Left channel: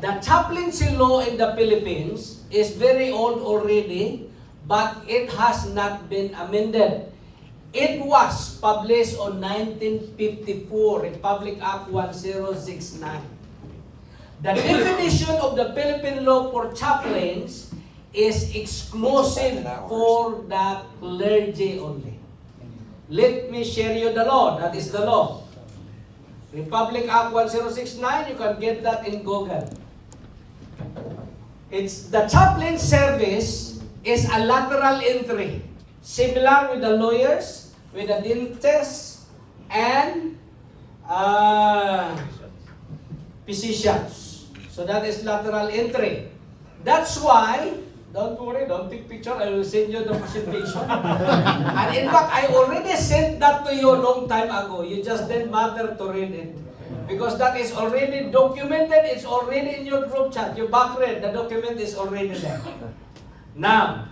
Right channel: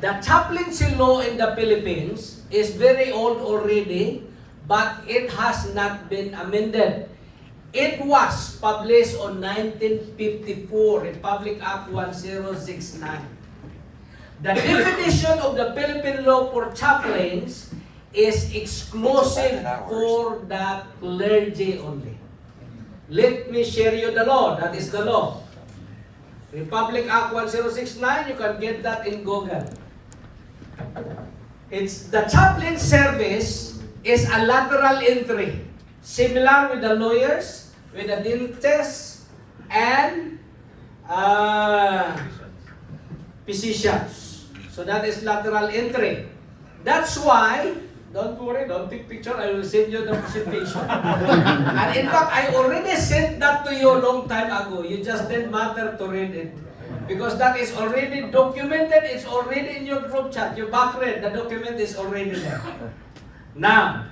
The chaplaincy law in the Philippines is very old already, but it has not been amended. It was published on 1954, Republic Act 1069. The definition of the Philippine law for chaplains is exclusive for the clergy only. Let me share you the law. That is the law. Republic Act 1069, you can get that in Google. It's the chaplain service is a lateral entry, similar with the lawyers, with the dentists, and physicians. So that is lateral entry. That's why, don't worry, don't take picture, I will send you the presentation. And in fact, I already sent that to you a long time ago. You just didn't matter to read it. Because that is already documented, it's already in your group chat. You back read, the document is already there. Now,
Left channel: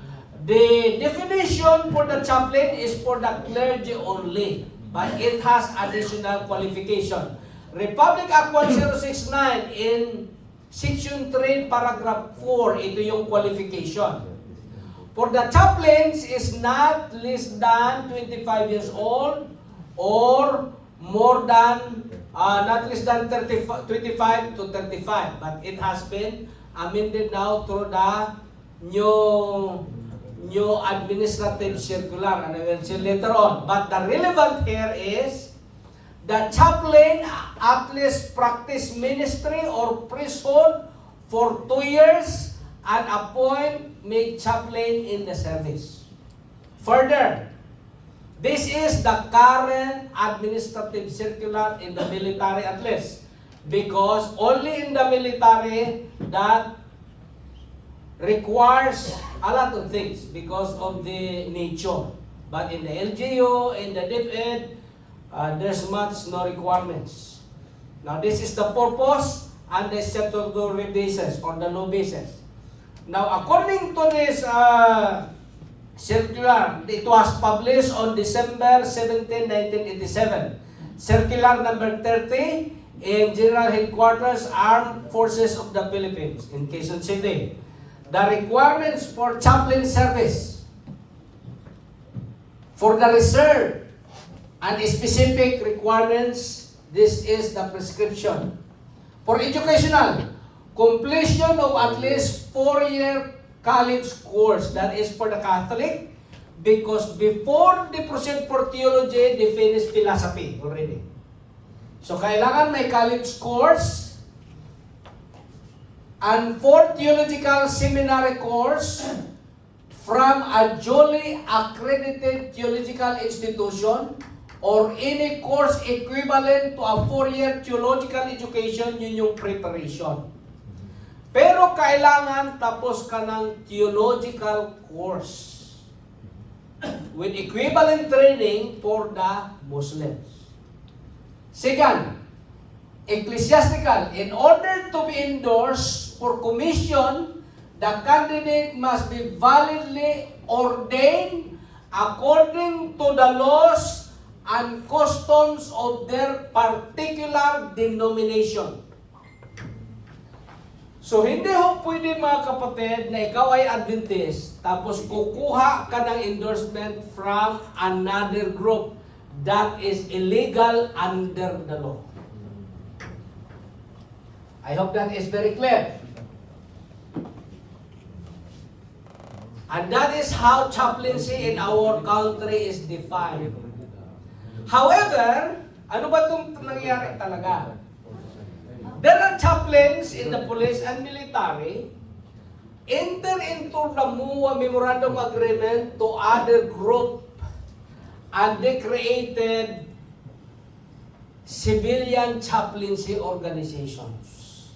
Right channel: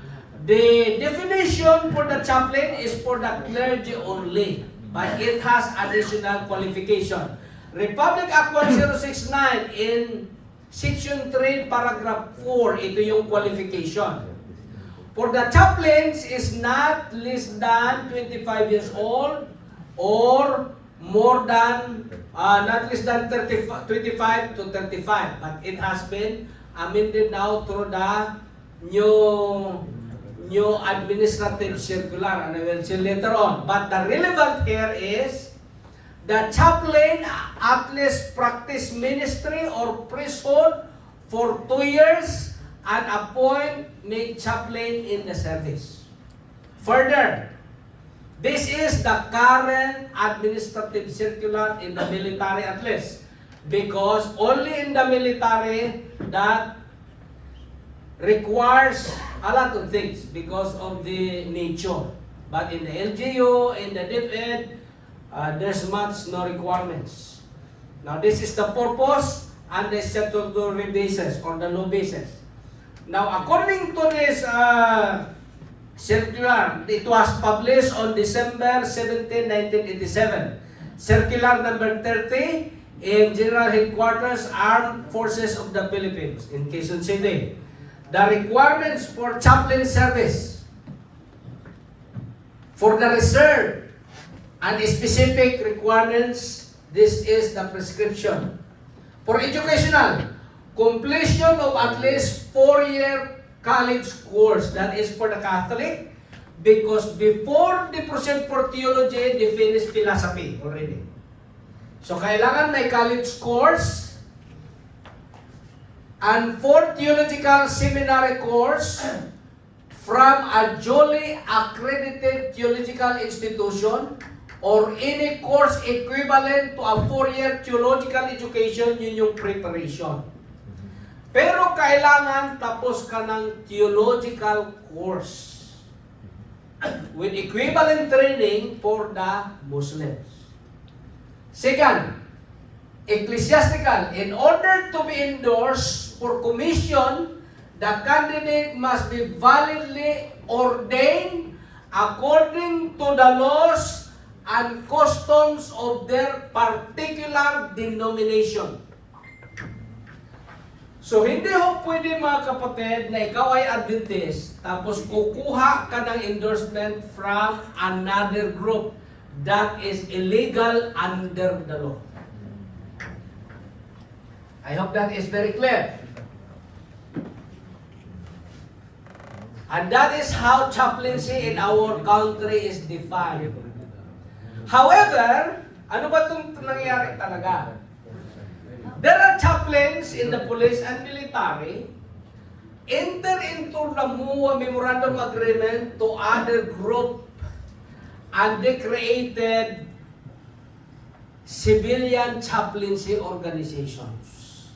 the definition for the chaplain is for the clergy only, but it has additional qualification. Republic Act 1069 in Section 3, Paragraph 4, ito yung qualification. For the chaplains is not less than 25 years old or more than, not less than 25 to 35. But it has been amended now through the new administrative circular, and I will see later on. But the relevant here is the chaplain at least practice ministry or priesthood for 2 years and appoint make chaplain in the service. Further, this is the current administrative circular in the military at least, because only in the military that requires a lot of things because of the nature. But in the LGU, in the DepEd, there's much no requirements. Now this is the purpose and the statutory basis or the law basis. Now according to this circular, it was published on December 17, 1987. Circular number 30 in General Headquarters, Armed Forces of the Philippines in Quezon City. The requirements for chaplain service, for the reserve, and specific requirements, this is the prescription. For educational, completion of at least 4-year college course, that is for the Catholic, because before they proceed for theology, they finish philosophy already. So kailangan may college course, and for theological seminary course from a duly accredited theological institution or any course equivalent to a 4-year theological education, yun yung preparation. Pero kailangan tapos ka ng theological course with equivalent training for the Muslims. Second, ecclesiastical. In order to be endorsed for commission, the candidate must be validly ordained according to the laws and customs of their particular denomination. So, hindi ho pwede mga kapatid na ikaw ay Adventist, tapos kukuha ka ng endorsement from another group. That is illegal under the law. I hope that is very clear. And that is how chaplaincy in our country is defined. However, ano ba itong nangyayari talaga? There are chaplains in the police and military enter into the MUA Memorandum Agreement to other group, and they created civilian chaplaincy organizations.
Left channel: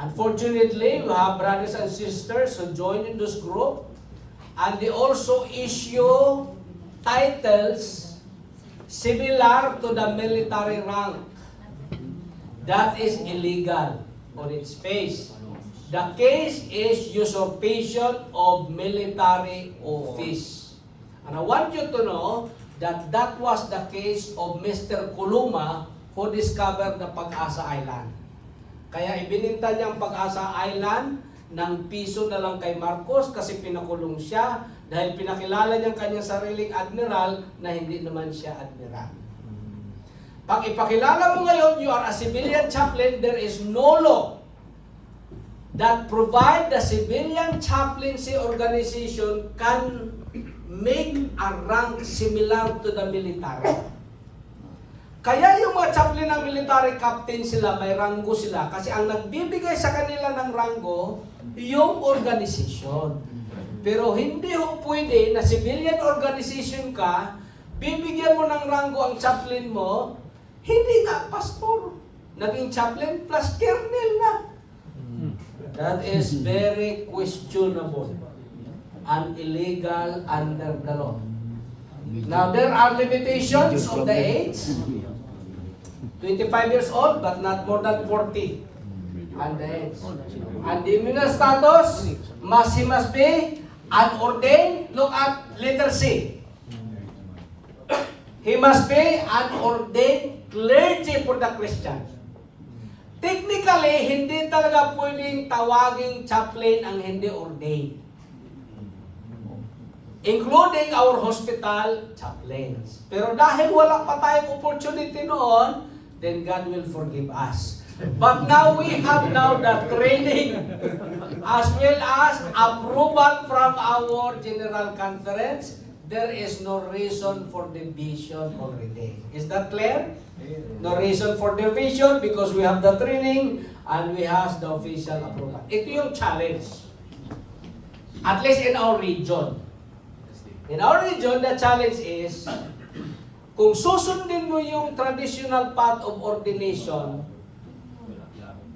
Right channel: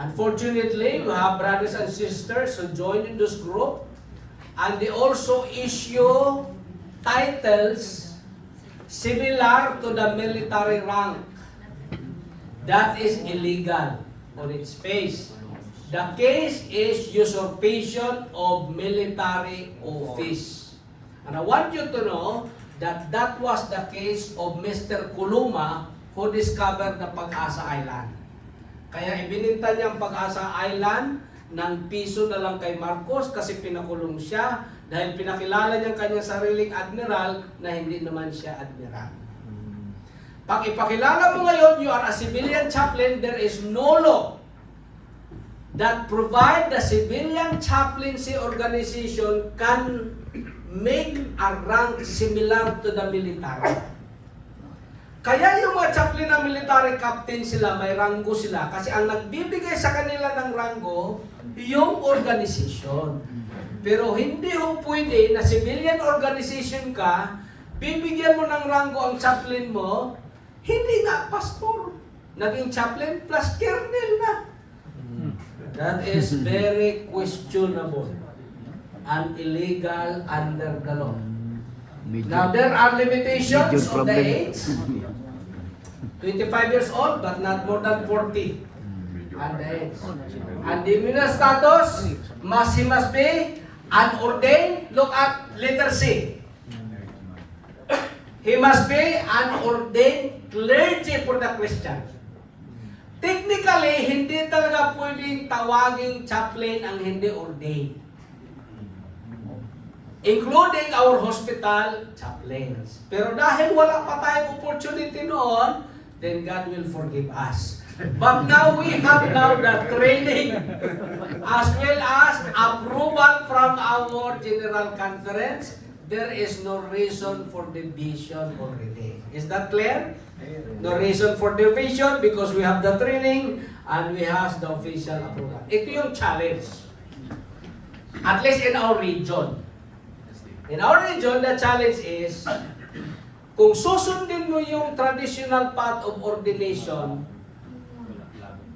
Unfortunately, we have brothers and sisters who join in this group, and they also issue titles similar to the military rank. That is illegal on its face. The case is usurpation of military office. And I want you to know that that was the case of Mr. Kuluma who discovered the Pag-asa Island. Kaya ibininta niya ang Pag-asa Island ng piso na lang kay Marcos kasi pinakulong siya dahil pinakilala niya ang kanyang sariling admiral na hindi naman siya admiral. Pag ipakilala mo ngayon, you are a civilian chaplain, there is no law that provide the civilian chaplaincy organization can make a rank similar to the military. Kaya yung mga chaplain ng military captain sila, may ranggo sila. Kasi ang nagbibigay sa kanila ng ranggo, yung organization. Pero hindi ho pwede na civilian organization ka, bibigyan mo ng ranggo ang chaplain mo, hindi nga pastor. Naging chaplain plus colonel na. That is very questionable and illegal under the law. Now, there are limitations of the age. 25 years old, but not more than 40. And the age. And the minister status, he must be unordained. Look at letter C. He must be unordained clergy for the Christian. Technically, hindi talaga pwedeng tawaging chaplain ang hindi ordained. Including our hospital chaplains. Pero dahil wala pa tayong opportunity noon, then God will forgive us. But now we have now the training as well as approval from our General Conference. There is no reason for division already. Is that clear? No reason for division because we have the training and we have the official approval. Ito yung challenge. At least in our region. In our region, the challenge is, kung susundin mo yung traditional path of ordination,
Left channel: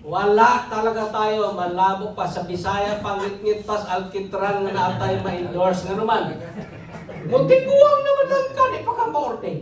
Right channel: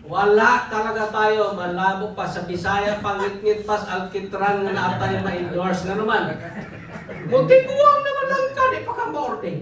wala talaga tayo, malabo pa sa Bisaya, pangit-ngit pa sa Alkitran na tayo ma-endorse na naman. Muntik uwang naman lang ka, di pa ka ma-ordain.